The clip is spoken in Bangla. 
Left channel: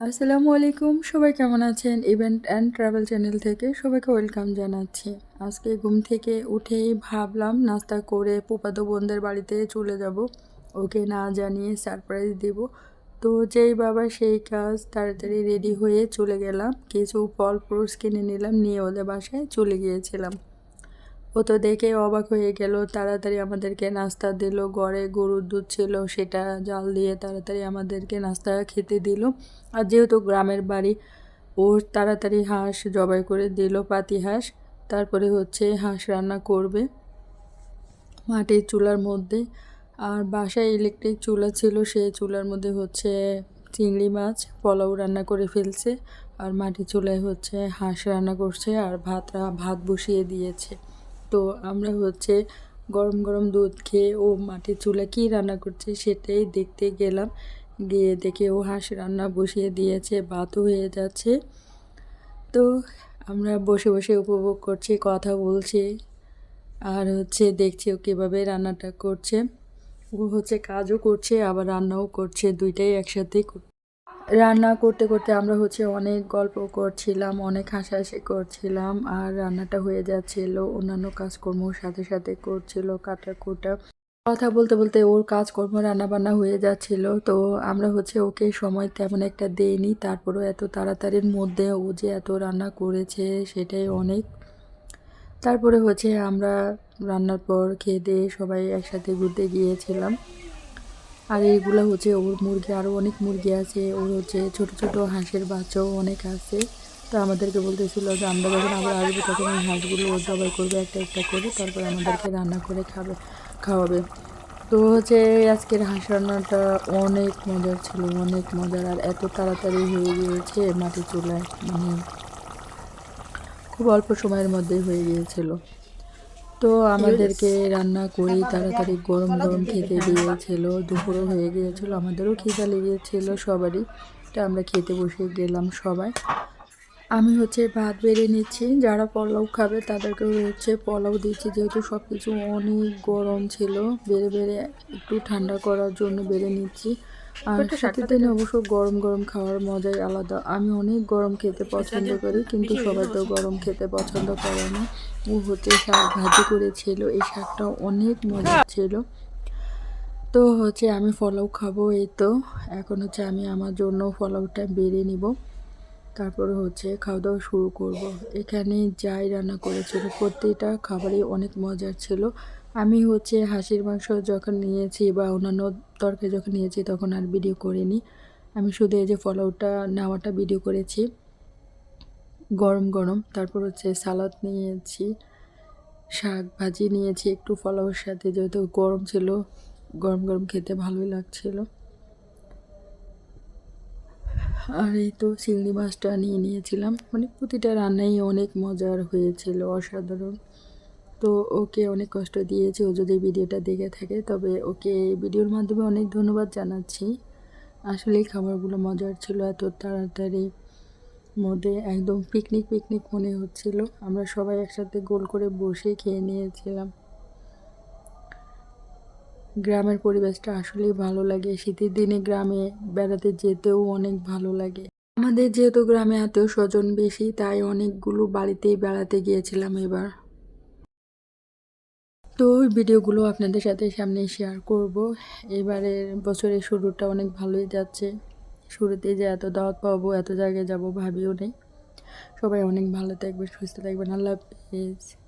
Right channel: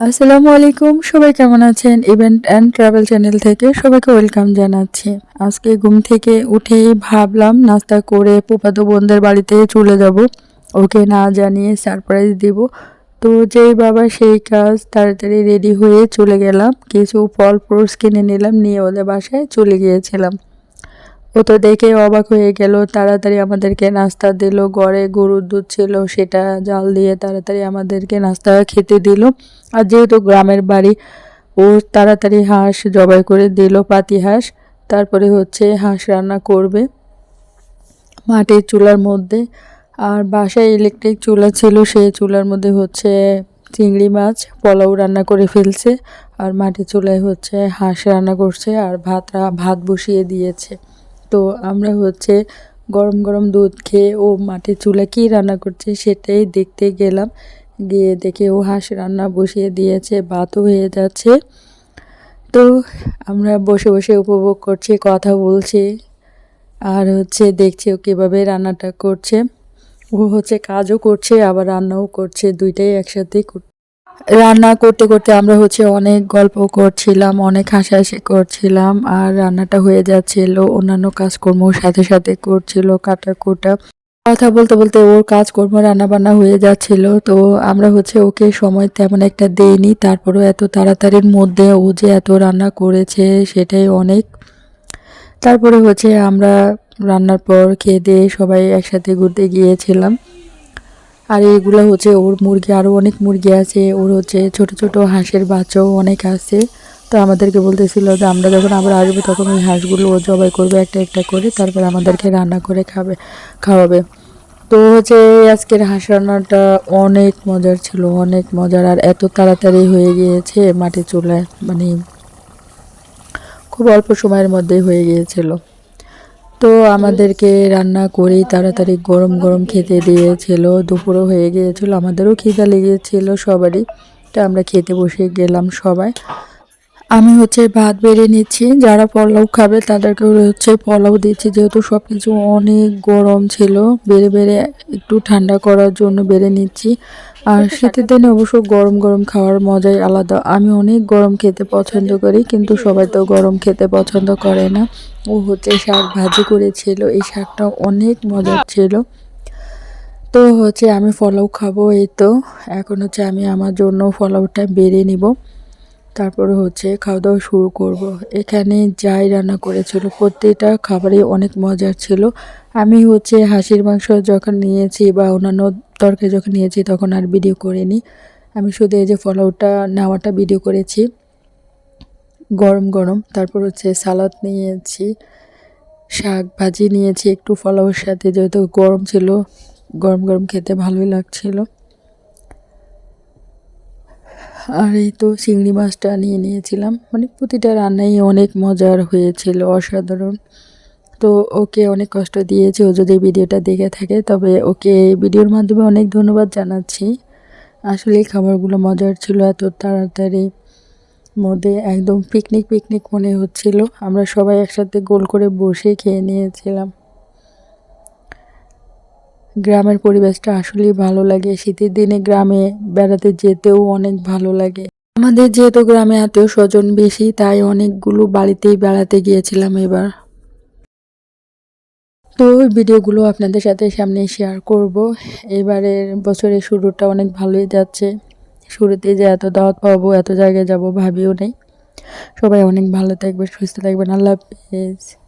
আসসালামু আলাইকুম, সবাই কেমন আছেন? ইভেন্ট অ্যান্ড ট্রাভেল চ্যানেল থেকে সবাইকে ওয়েলকাম জানাচ্ছি। আজকে ঘুম থেকে উঠেই ভাবলাম নাস্তা করে পোপাতো বোনদের বাড়িতে চলে যাব। ওকে না জানিয়ে সারপ্রাইজ দিব। তো যেই বাবা সেই কাজ তাড়াতাড়ি রেডি হয়ে চলে গেলাম। কিছু ফল ফ্রুটস কিনে নিলাম, নিয়ে ওদের বাসায় চলে গিয়েছিলাম। ও তো দেখে অবাক হয়ে গেল। তাড়াতাড়ি আমাদেরকে নাস্তা দিল। গড়ে গরুর দুধ ছিল, সেটা জাল দিয়ে তাড়াতাড়ি আমাদেরকে নাস্তা খেতে দিল। আর যেহেতু গ্রামের বাড়ি, ও তাড়াতাড়ি হাঁস জবাই করে দিল, পাতি হাঁস। তারপরে হচ্ছে হাঁস রান্না করবে মাটির চুলার মধ্যে। আর বাসায় ইলেকট্রিক চুলা ছিল, সেই চুলার মধ্যে হচ্ছে চিংড়ি মাছ, পোলাও রান্না করে ফেলছে। আর মাটির চুলায় হচ্ছে হাঁস রান্না করছে। আর ভাত ভাত বসিয়ে দিয়েছে। তো আমরা হচ্ছে গরম গরম দুধ খেয়ে ও মাটির চুলা কী রান্না করছে সেটাই দেখতে গেলাম। গিয়ে দেখে ও হাঁস রান্না বসিয়ে দিয়েছে, ভাতও হয়ে যাচ্ছে। তো আমরা বসে বসে উপভোগ করছি, কথা বলছি আর হচ্ছে দেখছি ও কীভাবে রান্নাটা করছে। ও হচ্ছে কাজও করছে, আবার রান্নাও করছে, দুইটাই একসাথেই রান্না করতে করতে আমরা হচ্ছে অনেক গল্প করছিলাম, অনেক হাসাহাসি করছিলাম আর রান্নাটা হয়ে যাচ্ছিল। অন্যান্য কাজকর্ম সাথে সাথে করছিল কাটা কোটা কথা বলতে বলতে ওর কাজকর্ম রান্না বান্না হয়ে যাচ্ছিল। তো আমরা হচ্ছে ওকে সময় তেমন একটা দেইনি। তারপরেও এত তাড়াতাড়ির মধ্যে ও যে এত রান্না করেছে সেটাই অনেক। তারপরে হচ্ছে আমরা রান্নার পর খেয়ে দিয়ে সবাই একসাথে ঘুরতে গিয়েছিলাম। আর এইগুলো হচ্ছে ওর মুরগি আরও অনেক মুরগি আছে। ওর হচ্ছে ছোট ছোট হাঁসের বাচ্চাও অনেক আছে। তো আমাদেরকে বলতেছিল যে আমরা যখন আবার আসব তখন ওই হাঁসগুলো ও জবাই করবে একটা একটা করে, তারপর আমাদেরকে রান্না করে খাবে, খাওয়াবে। তো হচ্ছে আজকের হাঁস রান্নাটা অনেক মজার ছিল, অনেক মজার। আর এত তাড়াতাড়ি হয়ে গিয়েছে মাটির চুলায় মানে খুব অল্প সময়ের মধ্যেই হয়ে গিয়েছিল। তো আমাদেরকে রান্না করেই তাড়াতাড়ি গরম গরম খেতে দিয়েছিল। দুপুরও হয়ে গিয়েছিল, আমাদেরও খিদা লেগেছিল সবারই। তো আমরা খেতে বসে গেলাম সবাই। আমি হচ্ছে ভাত বেড়ে নিচ্ছি যারা পোলাও খাবে তাদেরকে হচ্ছে পোলাও দিচ্ছি যেহেতু সব কিছু অনেক গরম ছিল বেড়ে বেড়ে একটু ঠান্ডা করার জন্য বেড়ে নিচ্ছি। আর শীতের দিনে অবশ্য গরম গরম খাওয়ার মজাই আলাদা। আমি অনেক গরম খেতে পছন্দ করি কিন্তু সবাই তো গরম খেতে পছন্দ করে না। ও হচ্ছে শাক ভাজি করেছিল এই শাকটা অনেক মজার ছিল। তো হচ্ছে আমি ফলাও খাব এই তো এখন হচ্ছে আমি আমার জন্য ফলাওটা বেড়ে নিব। তারপরে হচ্ছে খাওয়া দাওয়া শুরু করব। এখানে যাই রান্না করেছিল, প্রত্যেকটা খাবারই অনেক মজার ছিল। আমি হচ্ছে হাঁসির মাংস যখন নিয়েছি বা অন্যান্য তরকারি যখন নিয়েছি তখন আর ভিডিও করিনি। আমি শুধু এই যে ফলাওটা নেওয়াটা ভিডিও করেছি। গরম গরম। তারপর হচ্ছে সালাদ নিয়েছি, শাক ভাজি নিয়েছি, একটু ফলাওয়ের সাথে যেহেতু গরম ছিল, গরম গরম খেতে ভালোই লাগছিল। আর এই তো চিংড়ি মাছটা নিয়ে নিয়েছিলাম। মানে প্রতিটা রান্নাই অনেক মজার হয়েছিল, অসাধারণ। তো ওকে অনেক কষ্ট দিয়েছে, ও যদি ভিডিওটা দেখে থাকে, তবে ওকে ভিডিওর মাধ্যমে অনেক ধন্যবাদ জানাচ্ছি। আসলে খাবারগুলো মজার ছিল এত তাড়াতাড়ি। মধ্যে একদম পিকনিক পিকনিক মনে হচ্ছিল। আমরা সবাই একসাথে গোল করে বসে খেয়ে নিয়েছিলাম। গ্রামের পরিবেশটা আসলেই ভালো লাগে। শীতের দিনে গ্রামে বেড়াতে যেতেও অনেক ভালো লাগে। আমাদের যেহেতু গ্রামে আত্মীয় স্বজন বেশি, তাই অনেকগুলো বাড়িতেই বেড়াতে গিয়েছিলাম এবার। তো ওই ভিডিওগুলো আপনাদের সাথে সামনে শেয়ার করব। এবারের বছরের শুরুটা অনেক ভালোই যাচ্ছে। শুরুতে যে এত দাওয়াত পাবো, এত জায়গায় যাব ভাবিও নেই। সবাই অনেক ভালো থাকবে সুস্থ থাকবেন। আল্লাহ হাফিজ।